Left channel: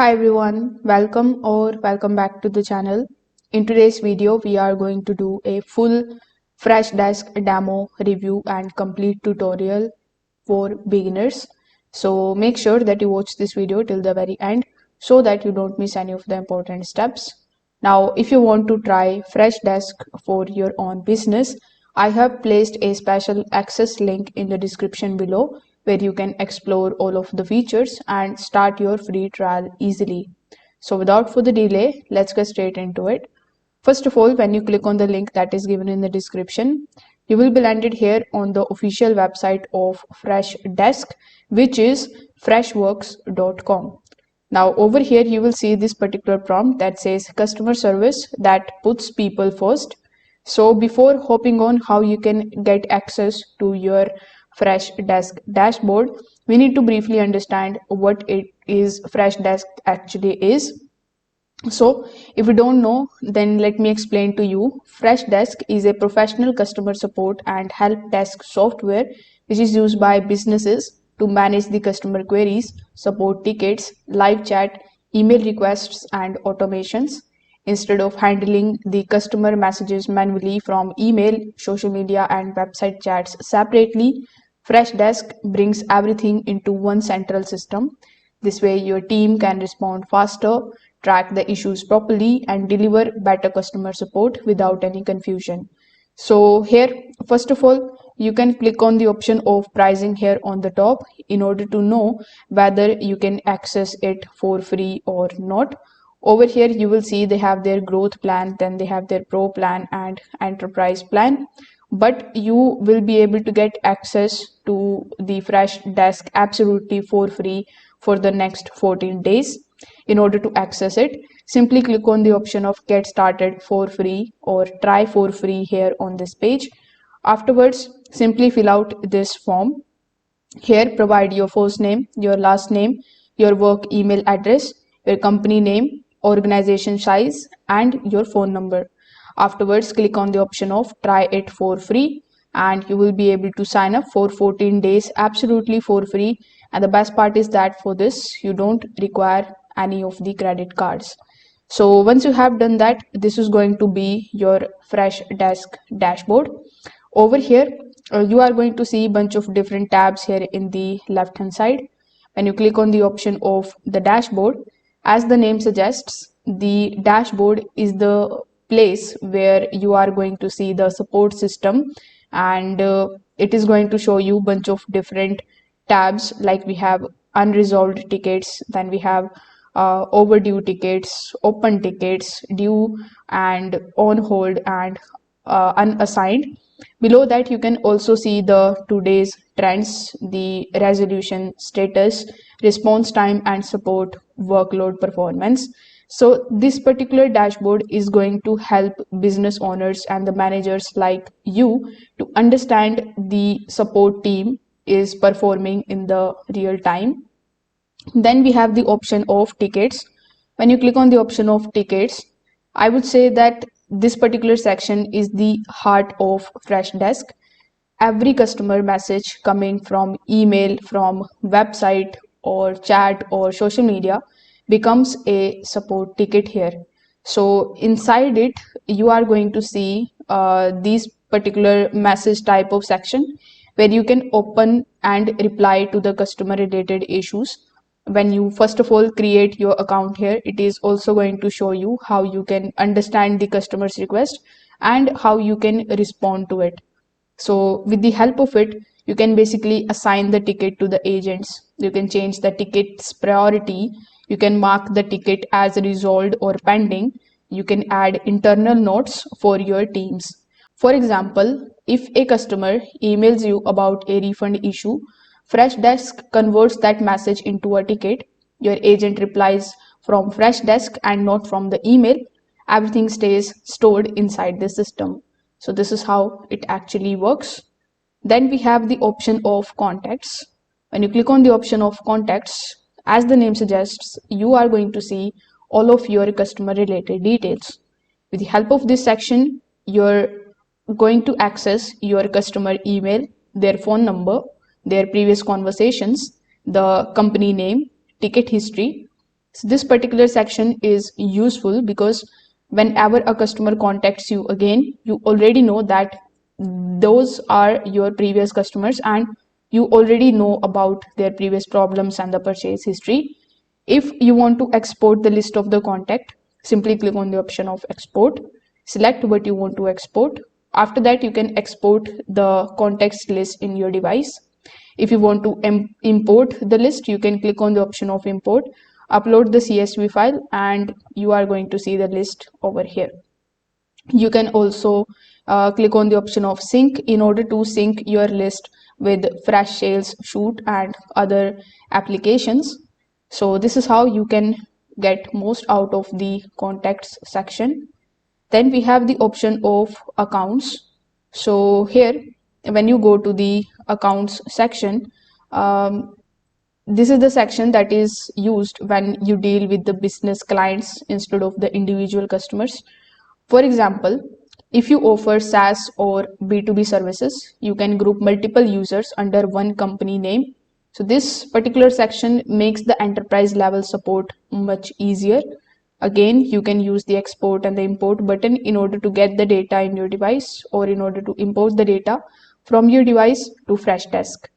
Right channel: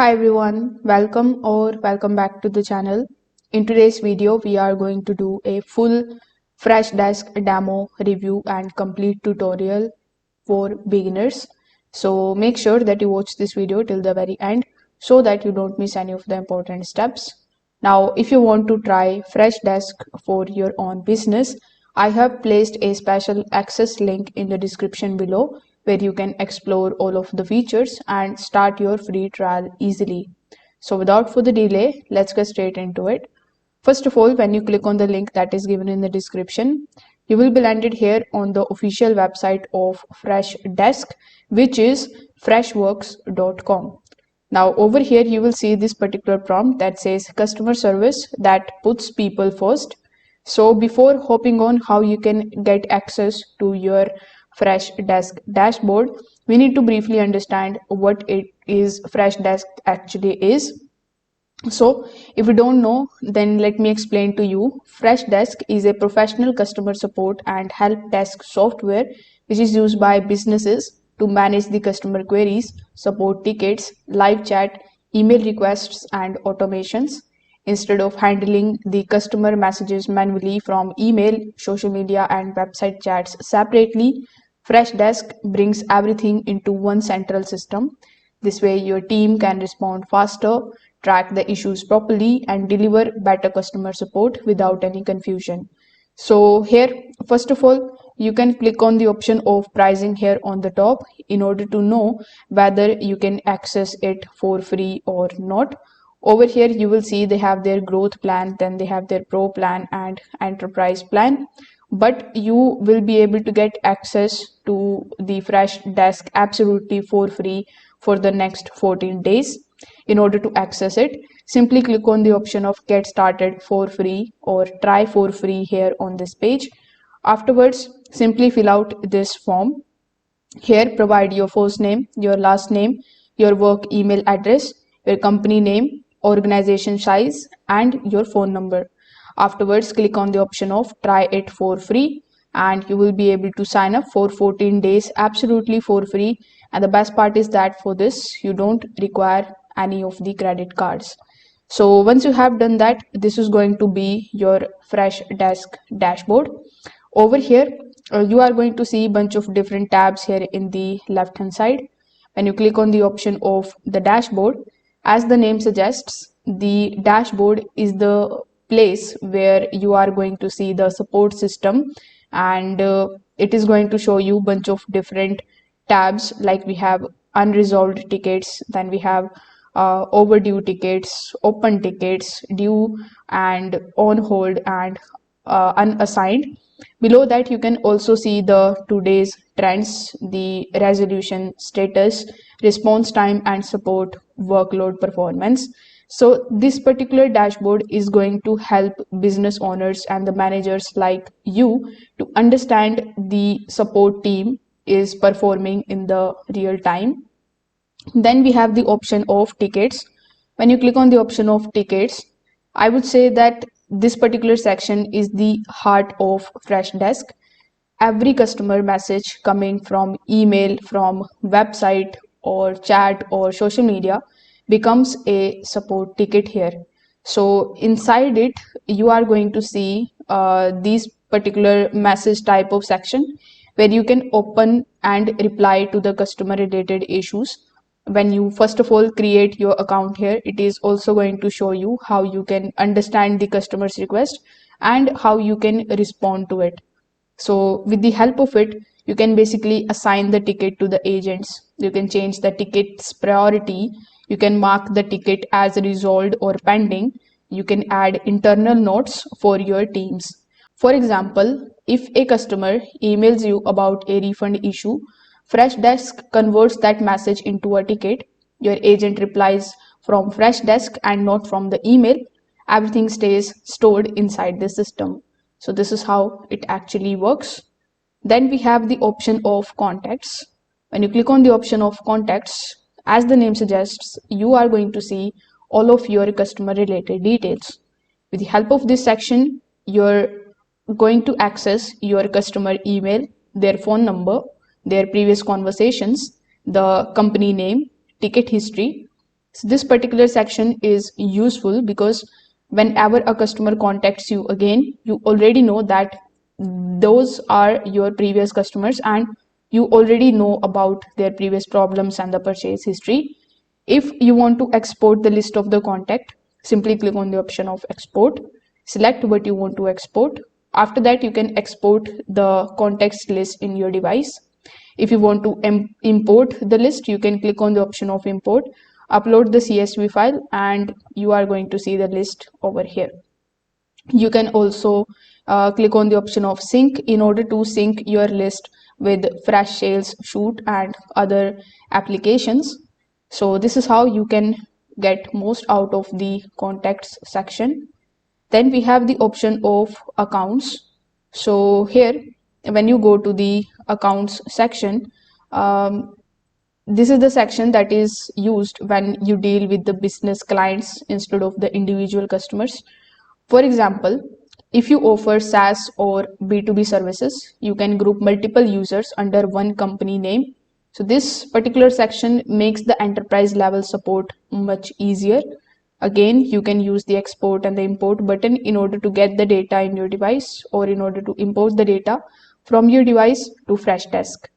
Hi everyone, welcome back to the channel. In today's video, we are going to do a full Freshdesk demo review and complete tutorial for beginners. So make sure that you watch this video till the very end so that you don't miss any of the important steps. Now, if you want to try Freshdesk for your own business, I have placed a special access link in the description below where you can explore all of the features and start your free trial easily. So without further delay, let's get straight into it. First of all, when you click on the link that is given in the description, you will be landed here on the official website of Freshdesk, which is freshworks.com. Now over here you will see this particular prompt that says customer service that puts people first. So before hopping on how you can get access to your Freshdesk dashboard, we need to briefly understand what it is Freshdesk actually is. So, if you don't know, then let me explain to you. Freshdesk is a professional customer support and help desk software which is used by businesses to manage the customer queries, support tickets, live chat, email requests, and automations. Instead of handling the customer messages manually from email, social media, and website chats separately, Freshdesk brings everything into one central system. This way, your team can respond faster, track the issues properly, and deliver better customer support without any confusion. So, here, first of all, you can click on the option of pricing here on the top in order to know whether you can access it for free or not. Over here, you will see they have their growth plan, then they have their pro plan and enterprise plan. But you will be able to get access to the Freshdesk absolutely for free for the next 14 days. In order to access it, simply click on the option of get started for free or try for free here on this page. Afterwards, simply fill out this form. Here, provide your first name, your last name, your work email address, your company name, organization size, and your phone number. Afterwards, click on the option of try it for free, and you will be able to sign up for 14 days absolutely for free. And the best part is that for this, you don't require any of the credit cards. So once you have done that, this is going to be your Freshdesk dashboard. Over here, you are going to see a bunch of different tabs here in the left hand side. When you click on the option of the dashboard, as the name suggests, the dashboard is the place where you are going to see the support system, and it is going to show you a bunch of different tabs, like we have unresolved tickets, then we have overdue tickets, open tickets, due and on hold, and unassigned. Below that, you can also see the today's trends, the resolution status, response time, and support workload performance. So this particular dashboard is going to help business owners and the managers like you to understand the support team is performing in the real time. Then we have the option of tickets. When you click on the option of tickets, I would say that this particular section is the heart of Freshdesk. Every customer message coming from email, from website or chat or social media becomes a support ticket here. So inside it, you are going to see this particular message type of section where you can open and reply to the customer related issues. When you first of all create your account here, it is also going to show you how you can understand the customer's request and how you can respond to it. So with the help of it, you can basically assign the ticket to the agents. You can change the ticket's priority. You can mark the ticket as resolved or pending. You can add internal notes for your teams. For example, if a customer emails you about a refund issue, Freshdesk converts that message into a ticket. Your agent replies from Freshdesk and not from the email. Everything stays stored inside the system. So this is how it actually works. Then we have the option of contacts. When you click on the option of contacts, as the name suggests, you are going to see all of your customer related details. With the help of this section, you're going to access your customer email, their phone number, their previous conversations, the company name, ticket history, So this particular section is useful because whenever a customer contacts you again, you already know that those are your previous customers and you already know about their previous problems and the purchase history. If you want to export the list of the contact, simply click on the option of export, select what you want to export. After that, you can export the contacts list in your device. If you want to import the list, you can click on the option of import, upload the CSV file, and you are going to see the list over here. You can also click on the option of sync in order to sync your list with Fresh Sales Shoot and other applications. So this is how you can get most out of the contacts section. Then we have the option of accounts. So here, when you go to the accounts section, um, this is the section that is used when you deal with the business clients instead of the individual customers. For example, if you offer SaaS or B2B services, you can group multiple users under one company name. So this particular section makes the enterprise level support much easier. Again, you can use the export and the import button in order to get the data in your device or in order to import the data from your device to Freshdesk.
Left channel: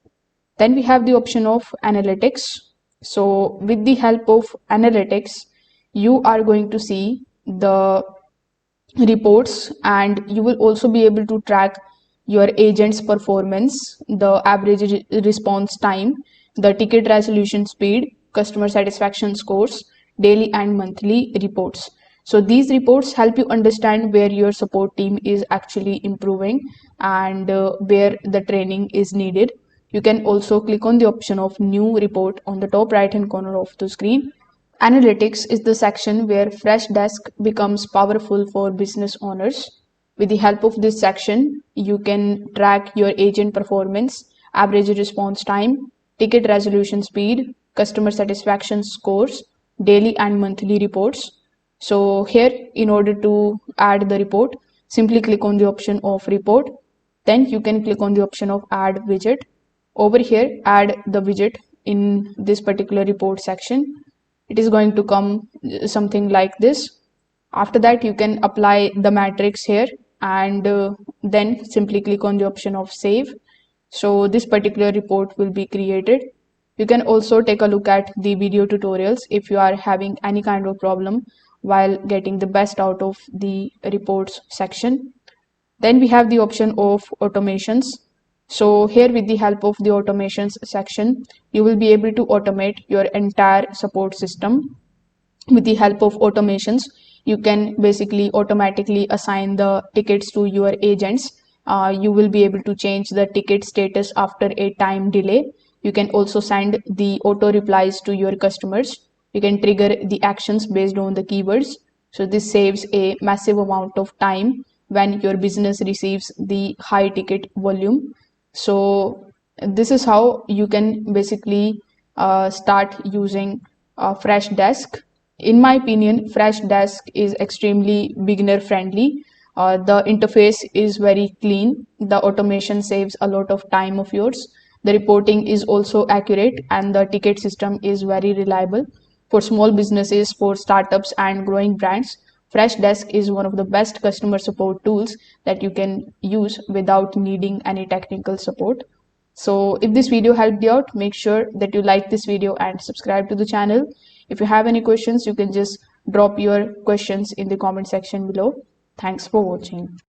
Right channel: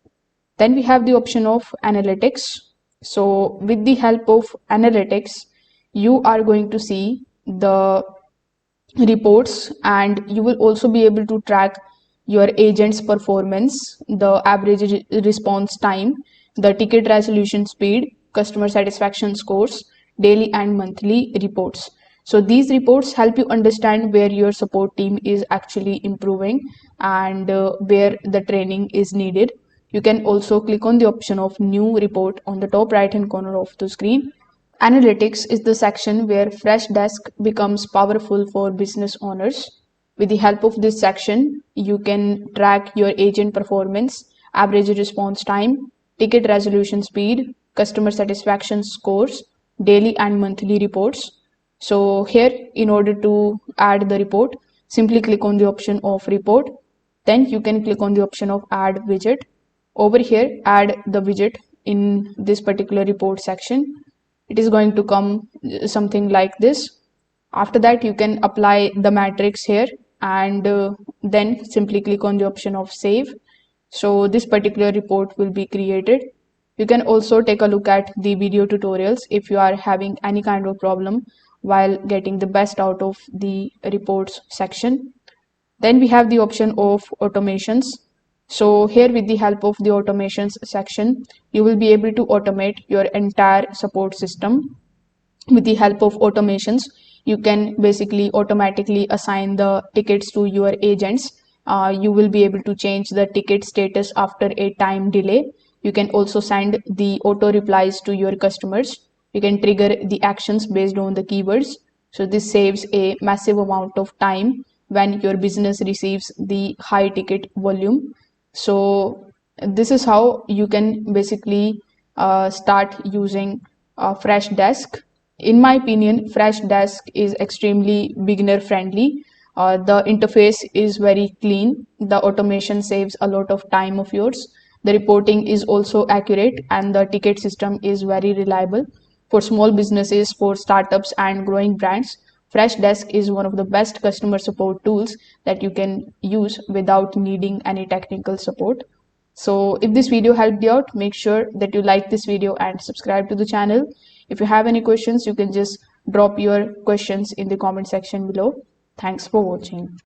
Then we have the option of analytics. So with the help of analytics, you are going to see the reports and you will also be able to track your agent's performance, the average response time, the ticket resolution speed, customer satisfaction scores, daily and monthly reports. So these reports help you understand where your support team is actually improving and where the training is needed. You can also click on the option of new report on the top right hand corner of the screen. Analytics is the section where Freshdesk becomes powerful for business owners. With the help of this section, you can track your agent performance, average response time, ticket resolution speed, customer satisfaction scores, daily and monthly reports. So here, in order to add the report, simply click on the option of report. Then you can click on the option of add widget. Over here, add the widget in this particular report section. It is going to come something like this. After that, you can apply the matrix here and then simply click on the option of save. So this particular report will be created. You can also take a look at the video tutorials if you are having any kind of problem while getting the best out of the reports section. Then we have the option of automations. So here with the help of the automations section, you will be able to automate your entire support system. With the help of automations, you can basically automatically assign the tickets to your agents. You will be able to change the ticket status after a time delay. You can also send the auto replies to your customers. You can trigger the actions based on the keywords. So this saves a massive amount of time when your business receives the high ticket volume. So this is how you can basically start using Freshdesk. In my opinion, Freshdesk is extremely beginner friendly. The interface is very clean. The automation saves a lot of time of yours. The reporting is also accurate and the ticket system is very reliable. For small businesses, for startups and growing brands, Freshdesk is one of the best customer support tools that you can use without needing any technical support. So if this video helped you out, make sure that you like this video and subscribe to the channel. If you have any questions, you can just drop your questions in the comment section below. Thanks for watching.